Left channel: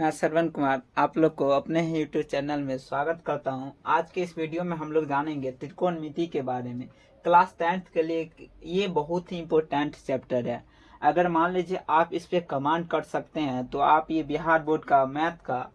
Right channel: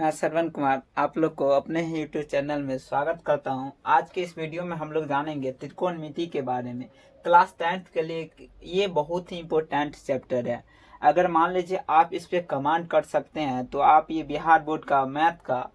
मैं श्रवण कुमार आप लोग को अपने ही यूट्यूब चैनल में स्वागत करता हूं। आज के इस वीडियो में हम लोग जानेंगे त्रिकोणमिति के बारे में। क्लास 10th के लिए ये बहुत ही इम्पोर्टेंट चैप्टर है। अगर मान लीजिए आप इस पे कमांड कर सकते हैं तो आप ये बिहार बोर्ड का मैथ का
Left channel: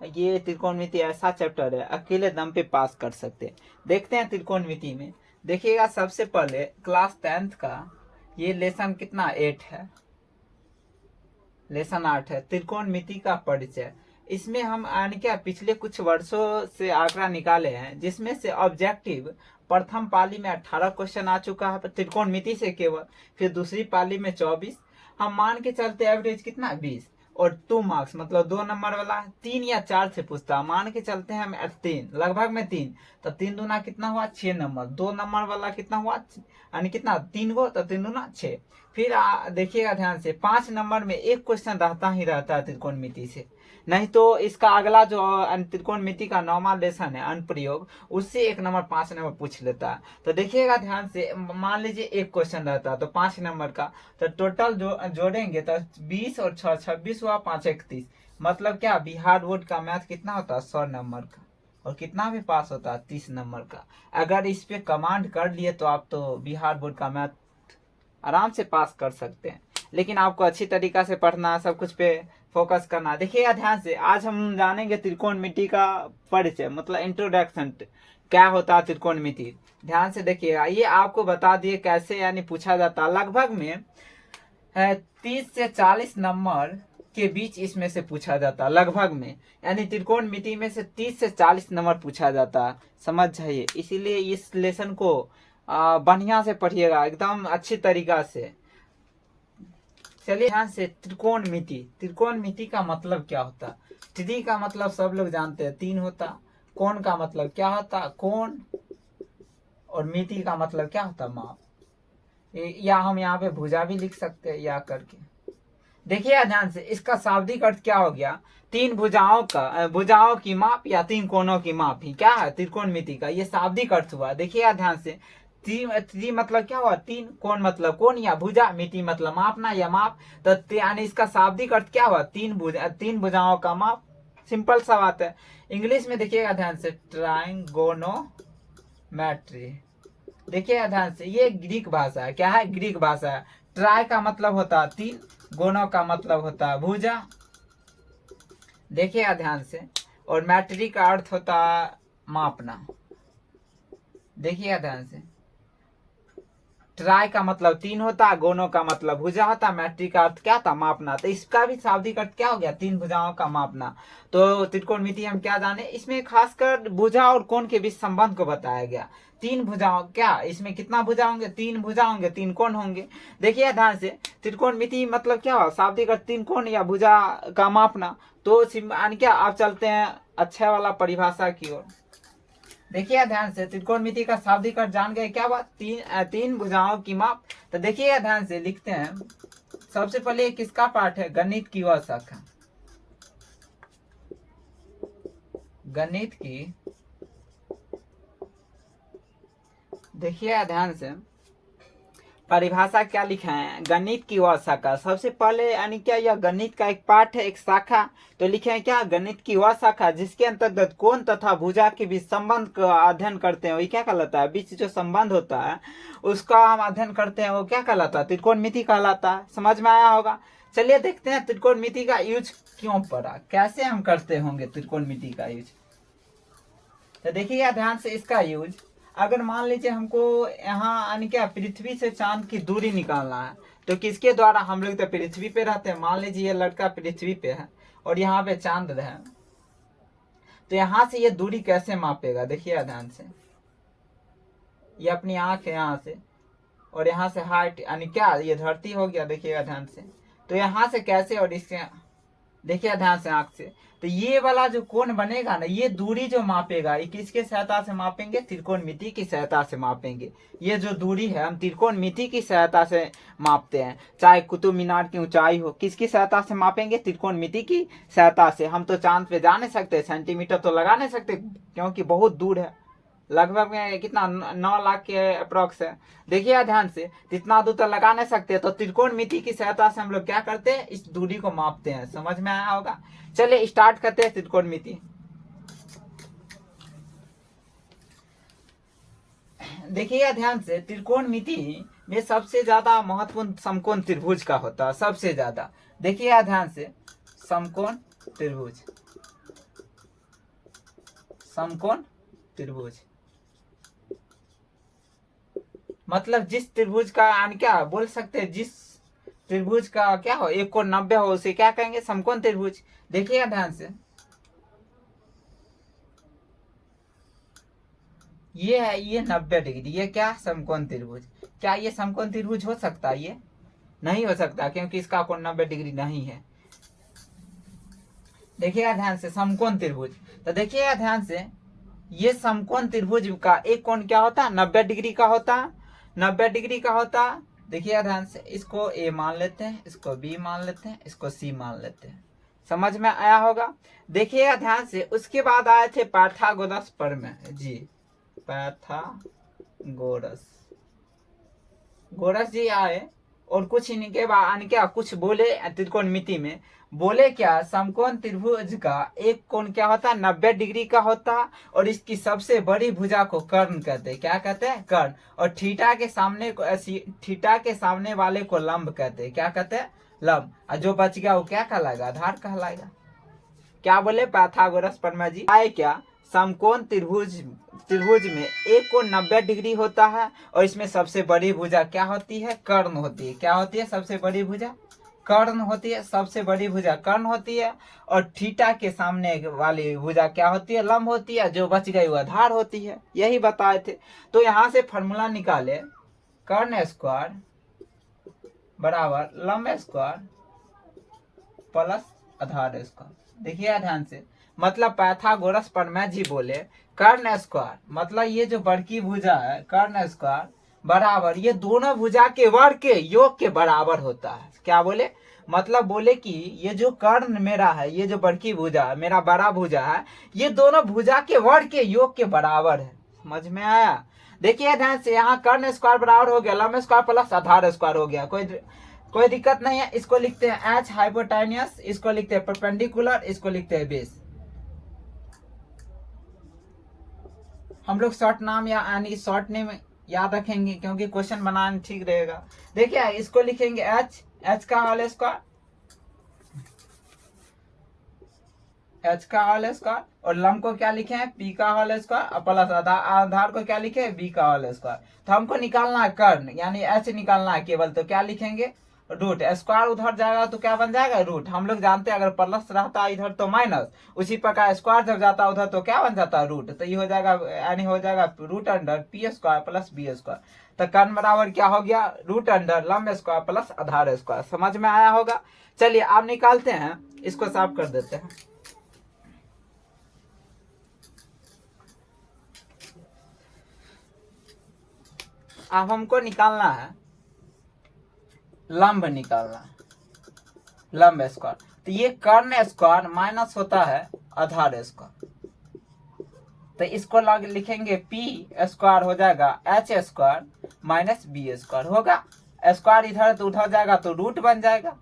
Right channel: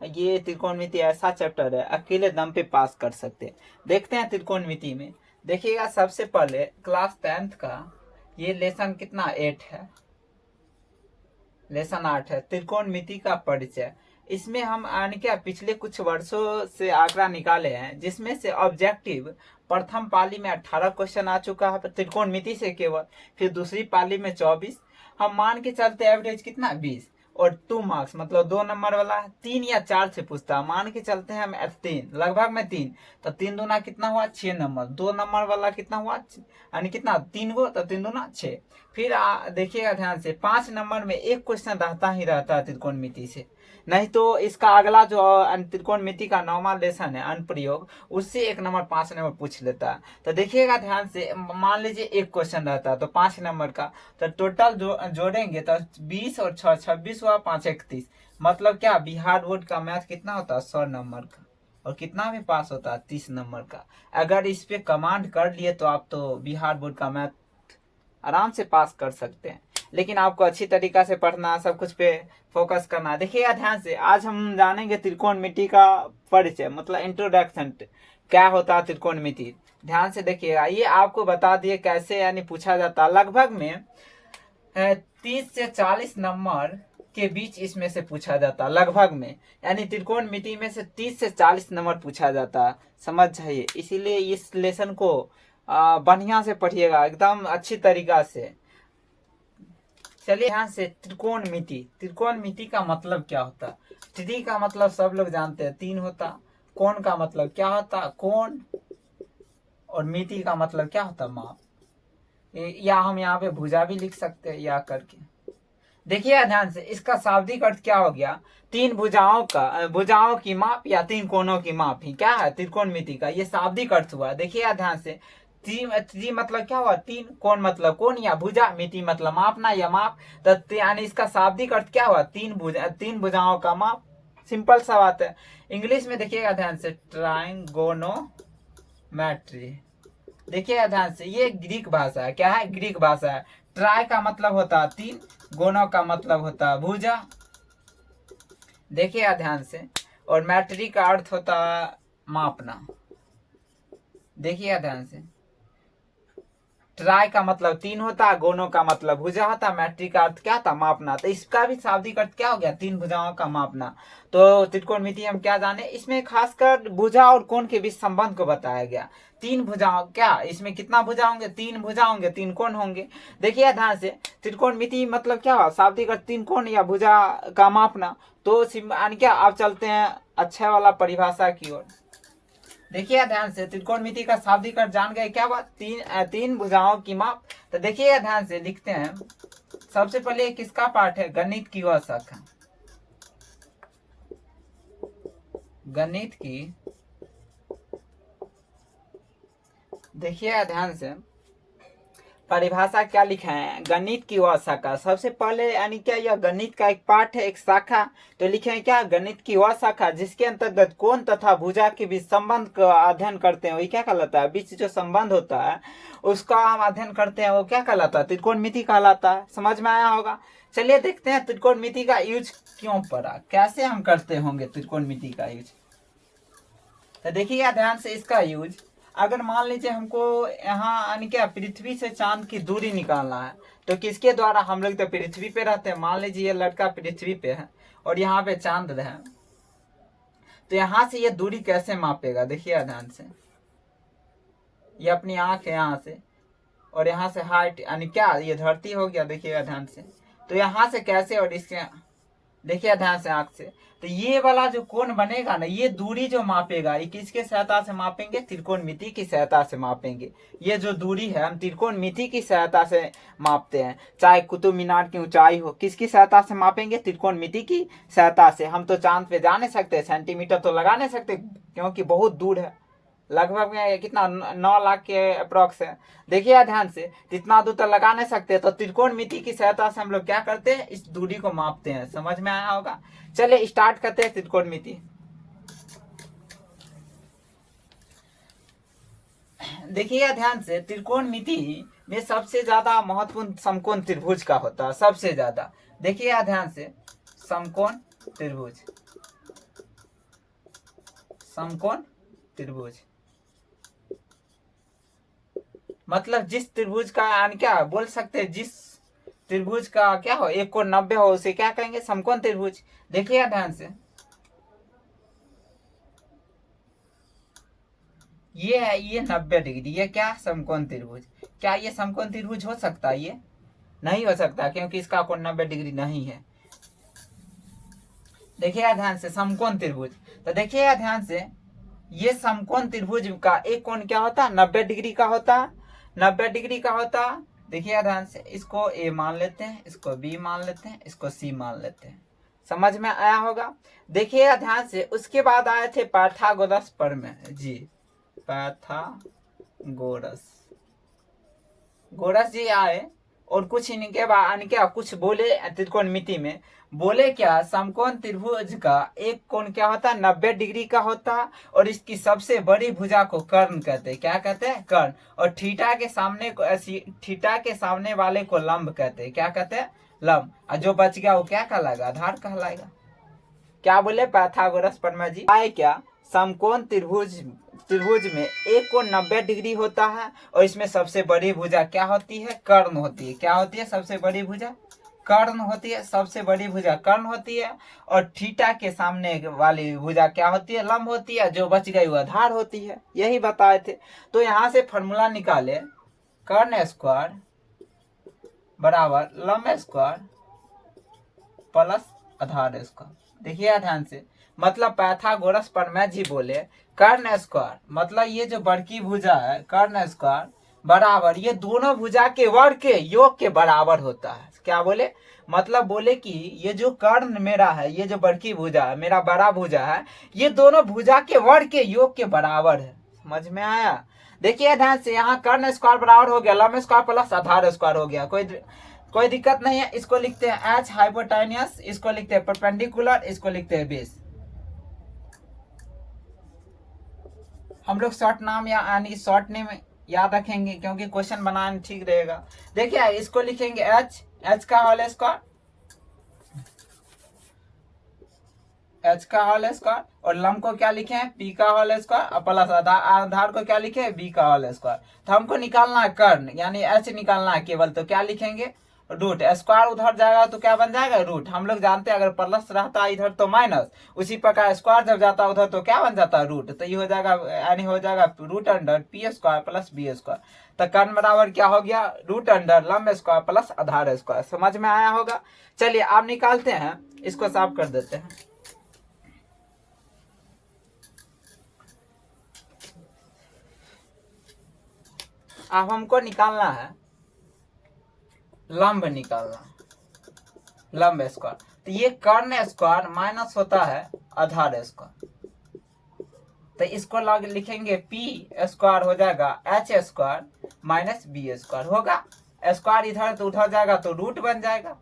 ये त्रिकोणमिति ऐसा चैप्टर है अकेले दम पे पास कर सकते हैं। देखते हैं त्रिकोणमिति में। देखिएगा, सबसे पहले क्लास 10th का ये लेसन कितना 8 है, लेसन 8 है, त्रिकोणमिति का परिचय। इसमें हम क्या पिछले कुछ वर्षों से आंकड़ा निकाले हैं, जिसमें से ऑब्जेक्टिव प्रथम पाली में 18 क्वेश्चन आ चुका है त्रिकोणमिति से केवल, फिर दूसरी पाली में 24। हम मान के चलते एवरेज कितना 20 और 2 मार्क्स मतलब 2 नंबर वाला 3 या 4 से पूछता है। मान के चलते हैं हम 3 लगभग में 3, तो 3 दूना कितना हुआ 6 नंबर। 2 नंबर वाला कितना हुआ यानी कितना 3 गो, तो 3 दूना 6। फिर देखिएगा ध्यान से 5 नंबर में एक क्वेश्चन रहता ही रहता है त्रिकोणमिति से, नहीं तो इसका अगला जो त्रिकोणमिति का 9वां लेसन है अनुप्रयोग, उससे 1 नंबर 5 नंबर पूछ लेता है। तो देखिएगा ध्यान से, मान लीजिए एक क्वेश्चन रहता है तो 5 नंबर का, तो टोटल जोड़ेंगे तो 20 और 6 26 हुआ, 5 31। मतलब क्या बिहार बोर्ड का मैथ कितना होता है 100 नंबर का, और कितना भी पास होता है 30 नंबर का। अगर इस पे कमांड कर लिए तो आप तो बिहार बोर्ड का मैथ आराम से पास कर सकते हैं। लेकिन आपको अच्छी तरीका से पढ़ना, सब कुछ पे फोकस करना। देखिएगा ध्यान से, आज हम जानेंगे त्रिकोणमिति का परिचय मतलब इंट्रोडक्शन, क्या होता है त्रिकोणमिति। ध्यान से देखिएगा, ये आपको बता दिए कैसे यानी पूछा जाता है। लगभग में 30 से 40 नंबर के बीच इसमें से पूछा जाता है लगभग में, यानी त्रिकोणमिति में से 30 से 40 नंबर पूछा जाता है, समझ जाइए। इसीलिए इस लेसन को बढ़िया से पढ़िएगा एकदम अच्छी तरीका से। चलिए ध्यान से, त्रिकोणमिति। त्रिकोणमिति का मतलब क्या होता है? त्रि का मतलब सब लोग जानते हैं 3 होता। कोण का मतलब क्या होता? कोण। और मिति का मतलब क्या होता? माप। या हम यहाँ पे भुजा भी लिख सकते हैं या करके। देखिए ध्यान से, इसका शाब्दिक अर्थ क्या हो गया? 3 भुजाओं की माप या 3 कोणों की माप ही क्या है त्रिकोणमिति का, ये शाब्दिक अर्थ हुआ। देखिए ध्यान से, त्रि मतलब क्या हुआ 3, कोण मतलब कोण या भुजा, मिति मतलब मापना या माप। तो यानी इसका शाब्दिक अर्थ क्या हुआ? 3 भुजाओं का माप। सिंपल सा बात है। इंग्लिश में देखिएगा ध्यान से, ट्राइगोनोमेट्री। देखिएगा ध्यान से, ये ग्रीक भाषा है। क्या है? ग्रीक भाषा है। ट्राई का मतलब होता है 3, गोनो का मतलब होता है भुजा। देखिएगा ध्यान से, और मैट्री का अर्थ होता है मापना। देखिएगा ध्यान से, ट्राई का मतलब 3 होता, गोनो का मतलब भुजा होता, मैट्री का अर्थ क्या था? मापना। तो इसका भी शाब्दिक अर्थ क्या हो गया? 3 भुजाओं का मापना। तो त्रिकोणमिति हम क्या जाने, इसमें खासकर भुजा और कोण के बीच संबंध को बताया गया। 3 भुजाओं, क्या इसमें कितना भुजा होंगे? 3 भुजा होंगे, 3 कोण होंगे। देखिए ध्यान से, त्रिकोणमिति मतलब क्या हुआ? शाब्दिक अर्थ 3 कोण या भुजा का मापना। तो क्या आप चलते हैं अच्छा वाला परिभाषा की ओर। देखिए ध्यान से, त्रिकोणमिति का शाब्दिक अर्थ जान गए, क्या बात? 3 भुजाओं की माप। तो देखिए ध्यान से, लिखते हैं सबसे पहले किसका पार्ट है? गणित की वह शाखा, गणित की। देखिए ध्यान से, परिभाषा क्या लिखा है? गणित की वह शाखा। सबसे पहले यानी क्या, यह गणित का एक पार्ट है, एक शाखा। तो लिखे हैं क्या? गणित की वह शाखा जिसके अंतर्गत कोण तथा भुजा के बीच संबंध का अध्ययन करते हैं, वही क्या कहलाता है? बीच जो संबंध होता है उसका हम अध्ययन करते हैं, वो क्या कहलाता है? त्रिकोणमिति कहलाता है। समझ में आया होगा। चलिए देखते हैं त्रिकोणमिति का यूज क्यों पड़ा, कैसे हम करते होंगे त्रिकोणमिति का यूज। तो देखिएगा ध्यान से, इसका यूज अगर मान लीजिए हमको यहाँ यानी क्या पृथ्वी से चांद की दूरी निकालना है, तो किसके द्वारा? हम लोग तो पृथ्वी पे रहते हैं। मान लीजिए ये लड़का पृथ्वी पे है और यहाँ पे चांद है, तो यहाँ से ये दूरी कैसे मापेगा? देखिए ध्यान से, ये अपनी आंख है यहाँ से, और यहाँ से हाइट यानी क्या, ये धरती हो गया। देखिएगा ध्यान से, तो यहाँ से कैसे, और इसके देखिए ध्यान से आंख से, तो ये वाला जो कोण बनेगा ना, ये दूरी जो मापेगा, ये किसके सहायता से मापेंगे? त्रिकोणमिति की सहायता से मापेंगे। ये जो दूरी है हम त्रिकोणमिति की सहायता से मापते हैं। चाहे कुतुब मीनार की ऊंचाई हो, किसकी सहायता से मापेंगे? त्रिकोणमिति की सहायता से। हम तो चांद पे जा नहीं सकते, सेंटीमीटर तो लगा नहीं सकते क्योंकि बहुत दूर है, लगभग में कितना 9 लाख के अप्रोक्स है। देखिए ध्यान से, इतना दूर तो लगा नहीं सकते, तो त्रिकोणमिति की सहायता से हम लोग क्या करते हैं, इस दूरी को मापते हैं। समझ में आया होगा। चलिए स्टार्ट करते हैं त्रिकोणमिति। देखिएगा ध्यान से, त्रिकोणमिति में सबसे ज्यादा महत्वपूर्ण समकोण त्रिभुज का होता है, सबसे ज्यादा। देखिएगा ध्यान से, समकोण त्रिभुज, समकोण त्रिभुज मतलब जिस त्रिभुज का यानी क्या बोल सकते हैं, जिस त्रिभुज का क्या हो, एक कोण 90 हो, उसे क्या कहेंगे, समकोण त्रिभुज। देखिएगा ध्यान से, ये है, ये 90 डिग्री, ये क्या समकोण त्रिभुज। क्या ये समकोण त्रिभुज हो सकता है? ये नहीं हो सकता, क्योंकि इसका कोण 90 डिग्री नहीं है। देखिएगा ध्यान से, समकोण त्रिभुज, तो देखिएगा ध्यान से, ये समकोण त्रिभुज का एक कोण क्या होता है, 90 डिग्री का होता है, 90 डिग्री का होता है। देखिएगा ध्यान से, इसको ए मान लेते हैं, इसको बी मान लेते हैं, इसको सी मान लेते हैं। समझ में आया होगा। देखिएगा ध्यान से, उसके बाद आए थे पाइथागोरस प्रमेय जी, गोरस जी आए और कुछ इनके बाद क्या कुछ बोले त्रिकोणमिति में, बोले क्या, समकोण त्रिभुज का एक कोण क्या होता है, 90 डिग्री का होता है, और इसकी सबसे बड़ी भुजा को कर्ण कहते हैं। क्या कहते हैं, कर्ण। और थीटा के सामने वाले को लंब कहते हैं। क्या कहते हैं, लंब। और जो बच गया वो क्या कहलाएगा, आधार कहलाएगा। क्या बोले पाइथागोरस प्रमेय जी आए क्या, समकोण त्रिभुज में एक कोण 90 डिग्री होता है, और इसमें सबसे बड़ी भुजा क्या होती है, कर्ण होती है। क्या होती है, सबसे बड़ी भुजा कर्ण होती है, सबसे बड़ी भुजा कर्ण होती है। और थीटा के सामने वाली भुजा क्या होती है, लंब होती है। जो बच गई वो आधार होती है। यही बताए थे। तो यहाँ से फॉर्मूला निकाले, कर्ण स्क्वायर बराबर लंब स्क्वायर प्लस आधार स्क्वायर। देखिए ध्यान से, मतलब पाइथागोरस प्रमेय जी बोले कर्ण स्क्वायर मतलब ये जो बड़की भुजा है, कर्ण स्क्वायर बराबर ये दोनों भुजा के वर्ग के योग के बराबर होता है। क्या बोले, मतलब बोले कि ये जो कर्ण मेरा है, ये जो बड़की भुजा है, मेरा बड़ा भुजा है, ये दोनों भुजा के वर्ग के योग के बराबर है। समझ में आया। देखिए ध्यान से, यहाँ कर्ण स्क्वायर बराबर हो गया लंब स्क्वायर प्लस आधार स्क्वायर हो गया। कोई दिक्कत नहीं है। इसको लिखते हैं एच हाइपोटेन्यूस, इसको लिखते हैं परपेंडिकुलर, इसको लिखते हैं बेस। हम लोग शॉर्ट नाम यानी शॉर्ट नेम याद रखेंगे, क्योंकि क्वेश्चन बनाना ठीक रहेगा। देखिए इसको लिखेंगे एच का होल स्क्वायर, एच का होल स्क्वायर, और लंब को क्या लिखे हैं, पी का होल स्क्वायर, और प्लस आधार को क्या लिखे, बी का होल स्क्वायर। तो हमको निकालना है कर्ण यानी एच निकालना है केवल, तो क्या लिखेंगे, रूट। स्क्वायर उधर जाएगा तो क्या बन जाएगा, रूट। हम लोग जानते हैं अगर प्लस रहता है इधर तो माइनस, उसी प्रकार स्क्वायर जब जाता है उधर तो क्या बन जाता है, रूट। तो ये हो जाएगा यानी हो जाएगा root under P square plus B square. तो कर्ण बराबर क्या हो गया, रूट अंडर लंब स्क्वायर प्लस आधार स्क्वायर। समझ में आया होगा। चलिए आप निकालते हैं, इसको साफ कर देते हैं। अब हमको निकालना है लंब, निकालना लंब स्क्वायर। तो ये कर्ण स्क्वायर माइनस होता है आधार स्क्वायर, तो इसको लिखेंगे पी स्क्वायर हो जाएगा H square minus B square होगा। स्क्वायर इधर तो उधर जाएगा तो रूट बन जाएगा,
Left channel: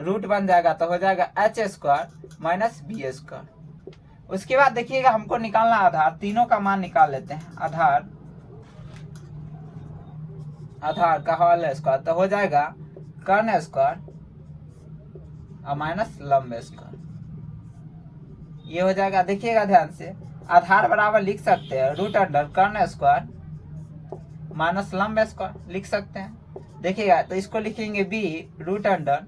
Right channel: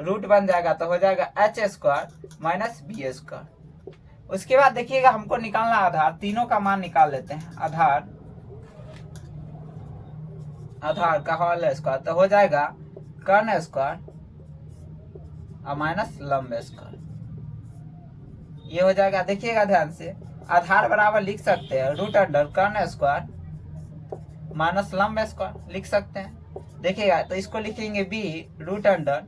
रूट बन जाएगा तो हो जाएगा H square minus B square. उसके बाद देखिएगा हमको निकालना आधार, तीनों का मान निकाल लेते हैं। आधार का होल स्क्वायर तो हो जाएगा कर्ण स्क्वायर और माइनस लंब स्क्वायर, ये हो जाएगा। देखिएगा ध्यान से, आधार बराबर लिख सकते हैं रूट अंडर कर्ण स्क्वायर माइनस लंब स्क्वायर लिख सकते हैं। देखिएगा तो इसको लिखेंगे B root under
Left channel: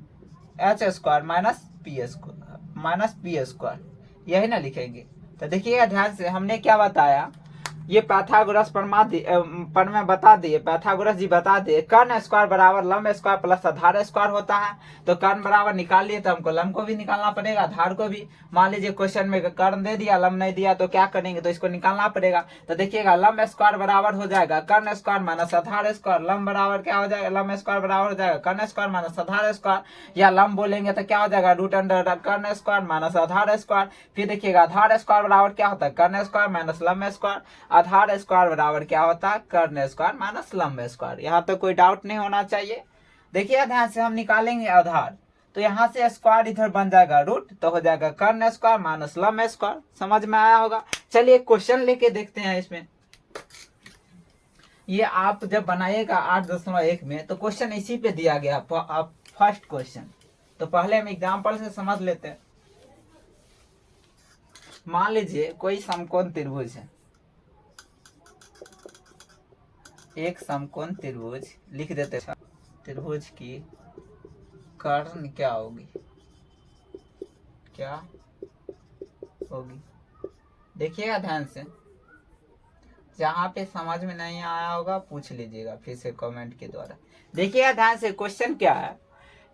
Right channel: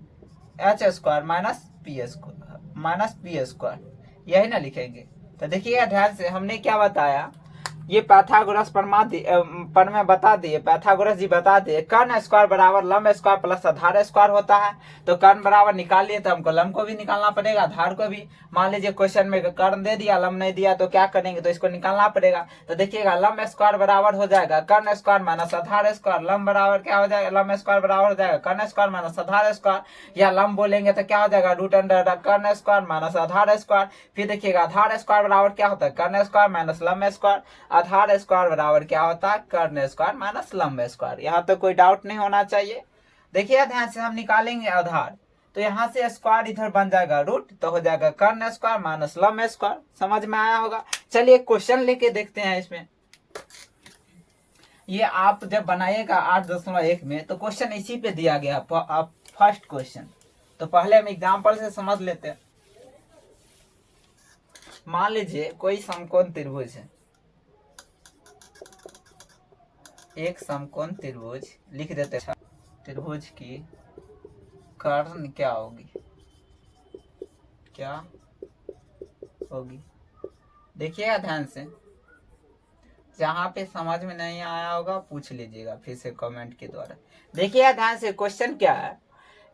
H square minus P square, यही ना लिखेंगे। तो देखिएगा ध्यान से, हमने क्या बताया, ये पाइथागोरस प्रमेय बता दिए, पाइथागोरस जी बता दिए कर्ण स्क्वायर बराबर लंब स्क्वायर प्लस आधार स्क्वायर होता है। तो कर्ण बराबर निकाल लिए तो हमको लंब को भी निकालना पड़ेगा, आधार को भी। मान लीजिए क्वेश्चन में कर्ण दे दिया लंब नहीं दिया तो क्या करेंगे, तो इसको निकालना पड़ेगा। तो देखिएगा लंब स्क्वायर बराबर हो जाएगा कर्ण स्क्वायर माइनस आधार स्क्वायर, लंब बराबर क्या हो जाएगा, लंब स्क्वायर बराबर हो जाएगा कर्ण स्क्वायर माइनस आधार स्क्वायर, या लंब बोलेंगे तो क्या हो जाएगा रूट अंडर कर्ण स्क्वायर माइनस आधार स्क्वायर। फिर देखिएगा आधार स्क्वायर बराबर क्या होता है कर्ण स्क्वायर माइनस लंब स्क्वायर, आधार स्क्वायर बराबर क्या होता है कर्ण स्क्वायर माइनस लंब स्क्वायर। यहाँ तो कोई डाउट नहीं होना चाहिए। देखिए ध्यान से हम निकालेंगे आधार, तो यहाँ से स्क्वायर इधर बन जाएगा रूट, तो हो जाएगा कर्ण स्क्वायर माइनस लंब स्क्वायर। समझ में आया होगा। चलिए क्वेश्चन लेके देखते हैं इसमें। ये आप जब बनाइएगा 8.1 में तो क्वेश्चन इसी पे दिया गया फर्स्ट क्वेश्चन। तो पहले हम एग्जाम्पल से समझ लेते हैं। मान लीजिए कोई समकोण त्रिभुज है, एक समकोण त्रिभुज लिख देते हैं। त्रिभुज की कर्ण क्या होगी, क्या होगी, देखिएगा ध्यान से। जहां पे समझ में नहीं आया होगा पूछ लीजिएगा फिर से कमेंट के द्वारा। देखिएगा ध्यान से क्वेश्चन क्या है।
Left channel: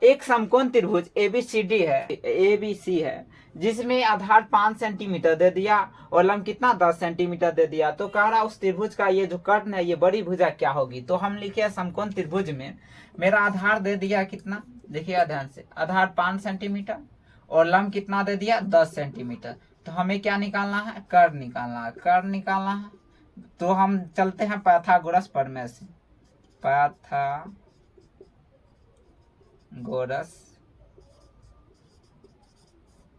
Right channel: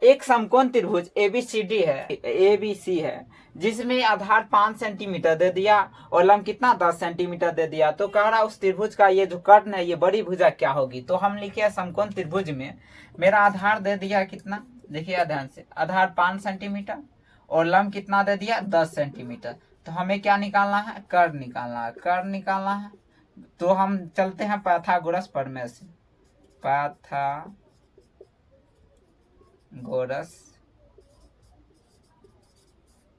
एक समकोण त्रिभुज एबीसी है जिसमें आधार 5 सेंटीमीटर दे दिया और लंब कितना 10 सेंटीमीटर दे दिया। तो कह रहा उस त्रिभुज का ये जो कर्ण है ये बड़ी भुजा क्या होगी। तो हम लिखे समकोण त्रिभुज में मेरा आधार दे दिया कितना, देखिए ध्यान से, आधार 5 सेंटीमीटर और लंब कितना दे दिया 10 सेंटीमीटर। तो हमें क्या निकालना है, कर्ण निकालना है, कर्ण निकालना है। तो हम चलते हैं पाइथागोरस प्रमेय से, पाइथागोरस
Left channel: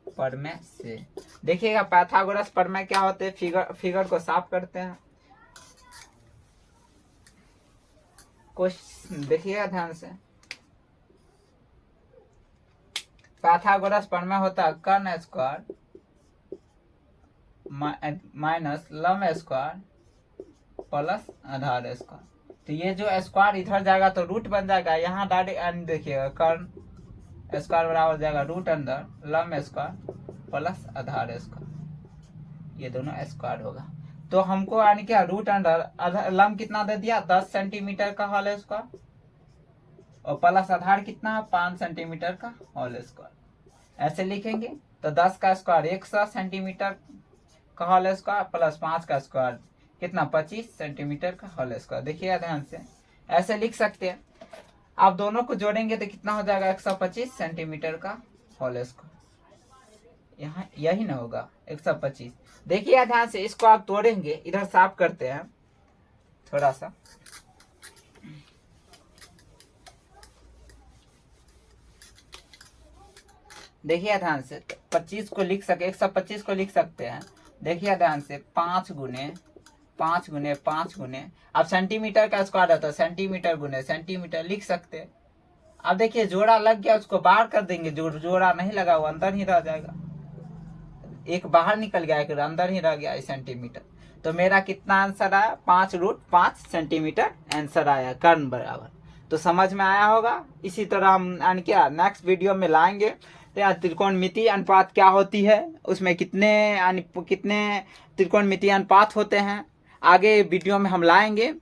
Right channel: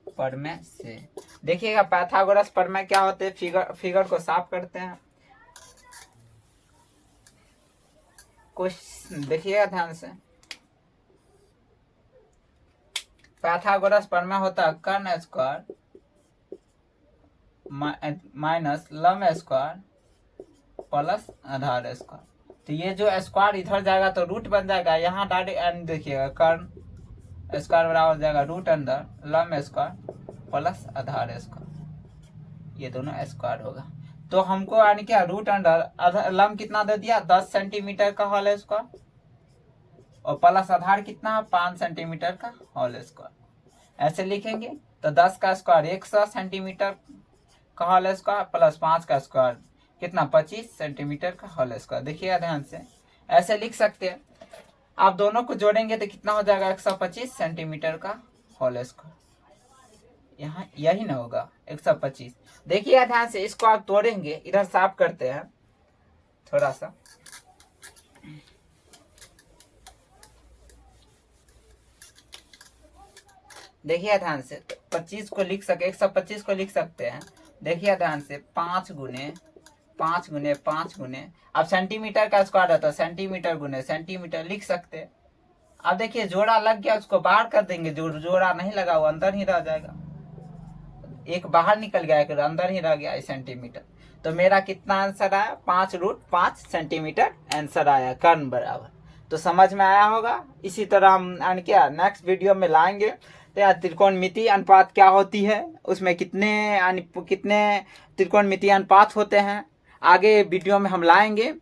प्रमेय से। देखिएगा पाइथागोरस प्रमेय क्या होते हैं, फिगर को साफ करते हैं। क्वेश्चन देखिएगा ध्यान से। पाइथागोरस प्रमेय होता है कर्ण स्क्वायर माइनस लंब स्क्वायर प्लस आधार स्क्वायर। तो ये जो स्क्वायर इधर जाएगा तो रूट बन जाएगा, यहाँ डायरेक्ट देखिएगा कर्ण स्क्वायर बराबर हो जाएगा रूट अंडर लंब स्क्वायर प्लस आधार स्क्वायर, ये दोनों स्क्वायर होगा। तो हमको यानी क्या रूट अंडर लंब कितना दे दिया 10 सेंटीमीटर का होल स्क्वायर और प्लस आधार कितना 5 सेंटीमीटर का होल स्क्वायर। ऐसे लिखेंगे तो 10 का स्क्वायर 100 सेंटीमीटर का होल स्क्वायर प्लस 5 का स्क्वायर कितना 25 सेंटीमीटर का होल स्क्वायर। देखिए ध्यान से ऐसे लिख सकते हैं। आप दोनों को जोड़ेंगे तो कितना हो जाएगा 125 सेंटीमीटर का होल स्क्वायर। यहाँ यही ना होगा 125। देखिए ध्यान से इसको आप तोड़ेंगे, इधर साफ करते हैं थोड़ा सा। देखिए ध्यान से 25 को लिख सके 125 को लिख सकते हैं। देखिए ध्यान से 5 गुने 5 गुने 5 गुने, अब सेंटीमीटर का स्क्वायर है तो सेंटीमीटर गुने सेंटीमीटर लिख सकते हैं। अब देखिए जोड़ा लग गया, उसको बाहर कर देंगे, जो जोड़ा नहीं लगा वो अंदर ही रह जाएगा। एक बाहर निकल गया फिर अंदर ही रह गया सेंटीमीटर। तो मेरा कितना आंसर आया 5√5 सेंटीमीटर आंसर आया कर्ण बराबर। तो समझ में आया होगा। इसी तरह हम क्या नेक्स्ट वीडियो में लाएंगे। तो यहाँ त्रिकोणमितीय अनुपात क्या होती है, उसमें कितने त्रिकोणमितीय अनुपात होते हैं, आगे वीडियो में हम लाएंगे।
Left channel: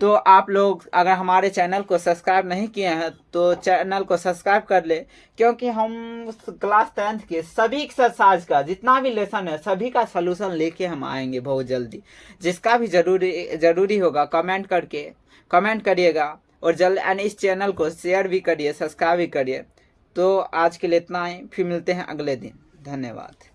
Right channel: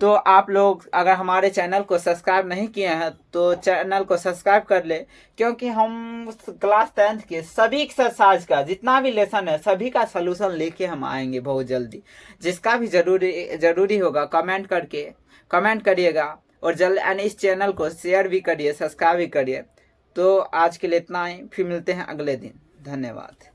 तो आप लोग अगर हमारे चैनल को सब्सक्राइब नहीं किए हैं तो चैनल को सब्सक्राइब कर ले, क्योंकि हम क्लास 10th के सभी एक्सरसाइज का जितना भी लेसन है सभी का सलूशन लेके हम आएंगे बहुत जल्दी। जिसका भी जरूरी होगा कमेंट करिएगा और जल्द एंड इस चैनल को शेयर भी करिए, सब्सक्राइब भी करिए। तो आज के लिए इतना ही, फिर मिलते हैं अगले दिन। धन्यवाद।